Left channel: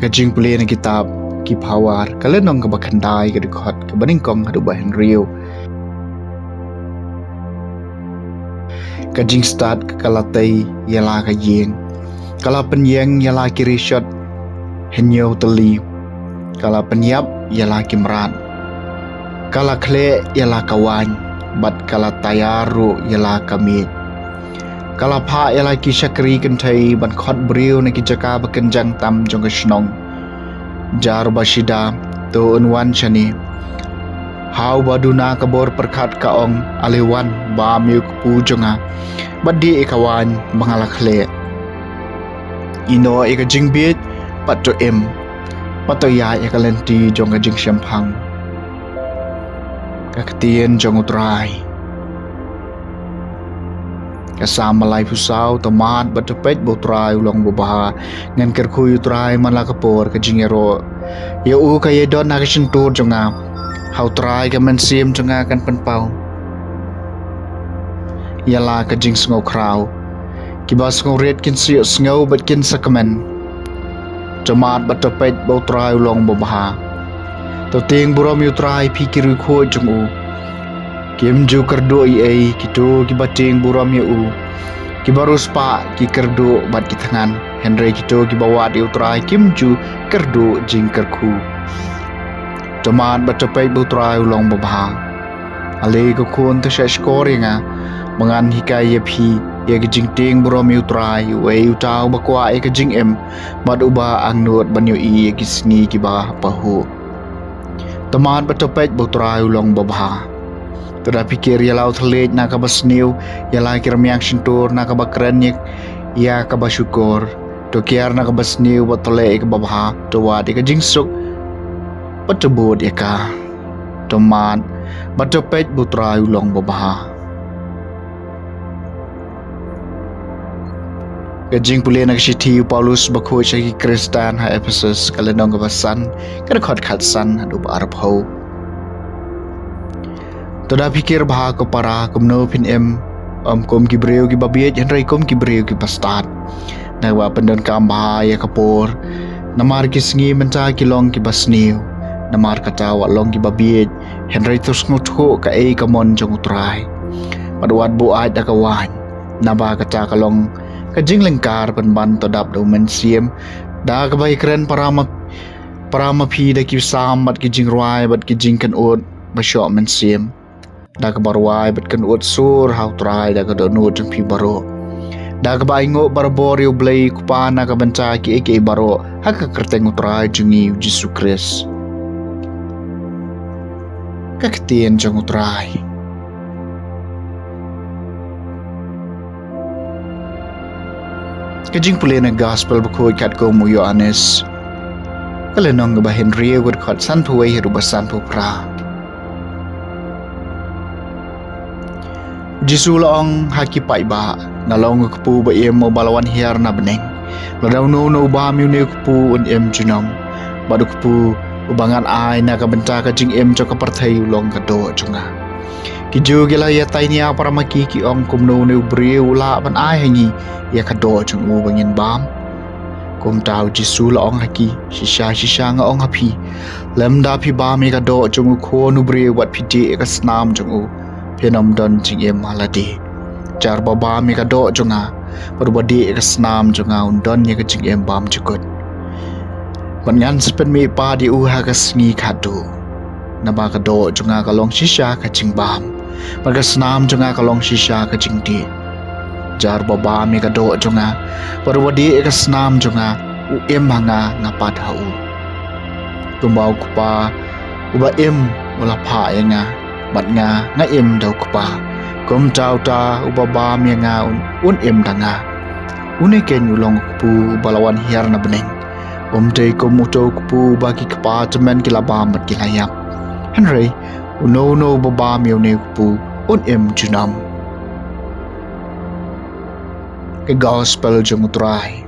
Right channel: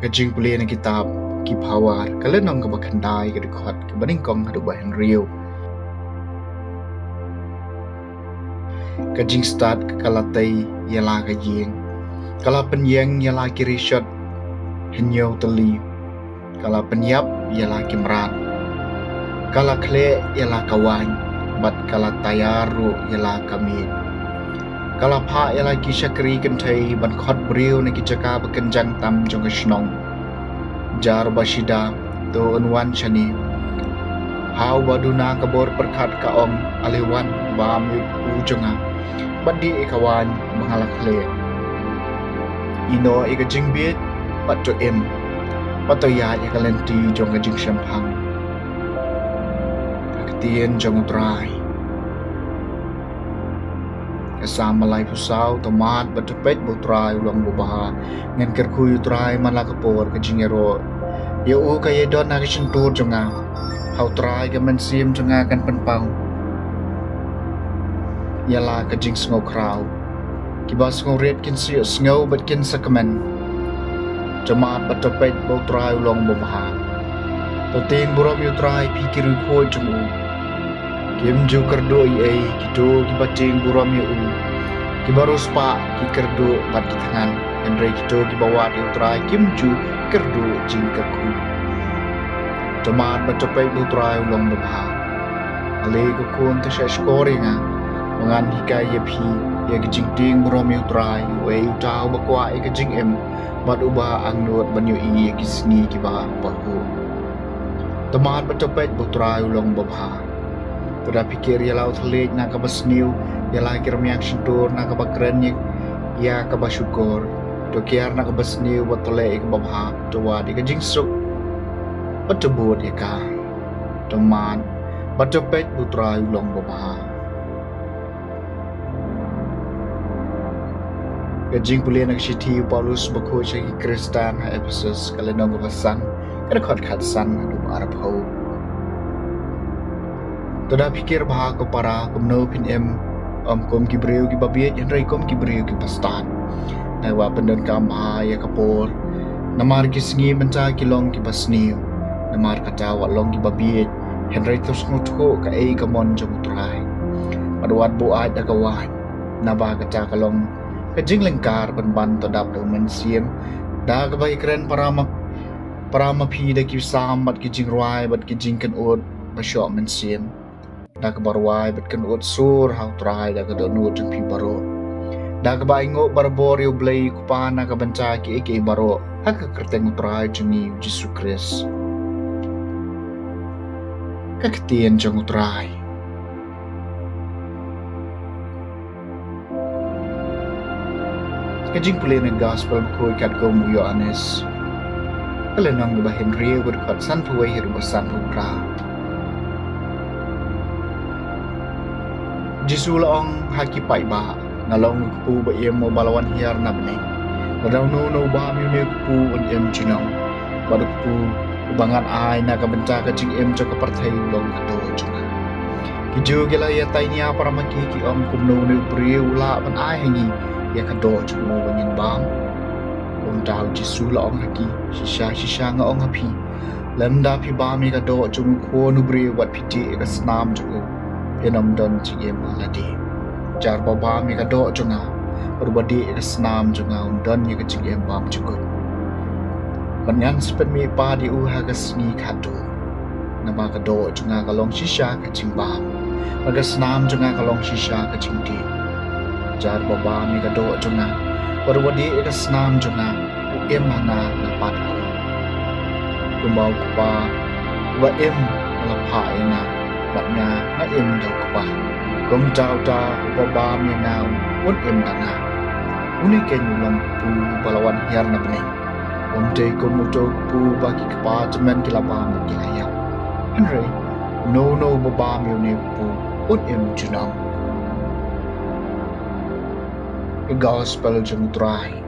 Kajing puli na kitab kipawar kalenong kabakandai kadukot kabaningkong hadubahin riyo. Kajing start kalatay yala kajing. Kala penyeng yala kirishot henyo teli. Kala penyap yala kimrat. Kala kle yala kawan. Bat kala tayaru yala kamit. Kala pa yala kisakri kentai ban khot beriu na kijaka bakenjang tam jong kasnong. Jar basida to unwan shani. Hau baduna kabor perkat kaong aliwan ba miuk pu jonga. Badi ikawan mangalakle. Ino ika jingbit pato em. Pato ya ika lenti jong kajing syampang. Kakatien jong utrai. Kasama lai pusau tomat batepet botrai ulang bobaha ngan kerkuy utrai malakapor kajingero ya u kaya don nakasyentur jonga hau trai kamen sim jonga kan penpau yala kajing sngau krau kibas ngau red kin siyo sngau bat kin sakamen tomat batepet botrai ulang bobaha to ting buram utrai pikiru ko jongu Kim ju kerdo ai kito kibating buram ya u kibarus pa ki kerdo bat ki tangan Henry kito kibawa di utrai kim ju kerdo jing kerku teman batapai butrai ulong babha ale ko kun ta shkoringa mangan hikai ya phi ya jing ting buram ya utrai we utau bakwa e ka jing em bat uba ang not banyo i ki sngi ki ba pahu teman batapai butrai ulong babha Tura pikir ya laut telit nak kabas new ya la kirmiak sentur nak kabakrenyek ya kabasyukur to kiar nak kabas new botole ik babha to wadi ka jingsuk patebut ya ka tomat batopet butra ulong babha Kajing puli nak siti Paulus bakho syaki Kristan ha Ephesus kalenong kabasan kada khot khatsan adu arab ho Toda pikir baha ko para kumno pin em kom kibreu ki babiet yan rai kom kibreu ki pastat nawa pendon kam bahaya kapor namar ki sngi menca ki long ki basniu namar kata wa long ki babiet hen rai tus ngutho ka ei kamon jong utrai padwat bu ai da kawan naba kata kalong ka jing lengkar pen ban todap do men siem da ka bai kren parama phi da ki sam bat ki jing rwai bat ki jing kan ot ba sho men siem da ka barwai bat kan ut sur hau trai da ka do nu jeng pi baro da ka bai ngo barbor yo blai kupa na ka banca ki eke baro ha ka kerteng utrai jengi Jesu Kris ka ketien jeng utrai kajing puli na gospel bakoi kat ko mu Yohanes kalenong ba Henry wad khat san puwei heru basan pu pra Jisu laong haki pai ba nalong kupu ba em mo balawan hiar na beneng ladaw no ba mi ne kupu un em junong badu kupu ubangan ai na ka benta ka jing em cho ka parthai long ka do chunga ki ju gela ya tai nia para maki ki ong kum no ne breu la ban ai hangi ya ka do chung mo bangin bam kum tau Jisu laong haki shisha nga ong hapi lem da pi ba mi ka do chung ko nu breu wat pi je ka snam chung Penom don jing em haladi jar baba mi ka do jonga berbadi ka snam jonga undon ye ka jing em bam jukut pangan sepen mi pa di u ha ka sngi khadu na ba ka do jonga ka long shisha ka jing bam ba ka snam jonga ka long shisha ka jing di jar baba mi ka do jonga berbadi ka snam jonga u em hanga ngapat hau tumbau kupa uba em wala pha yenga bat nga em dau kpa kom tau ta ubaba mi nga un em danga uni ken ulong pu balawan hiar na beneng te kom muto pu baki kpa temen kilaba mat kilayap Henry no baba mi ne pu un em junam ke gospel jong utrai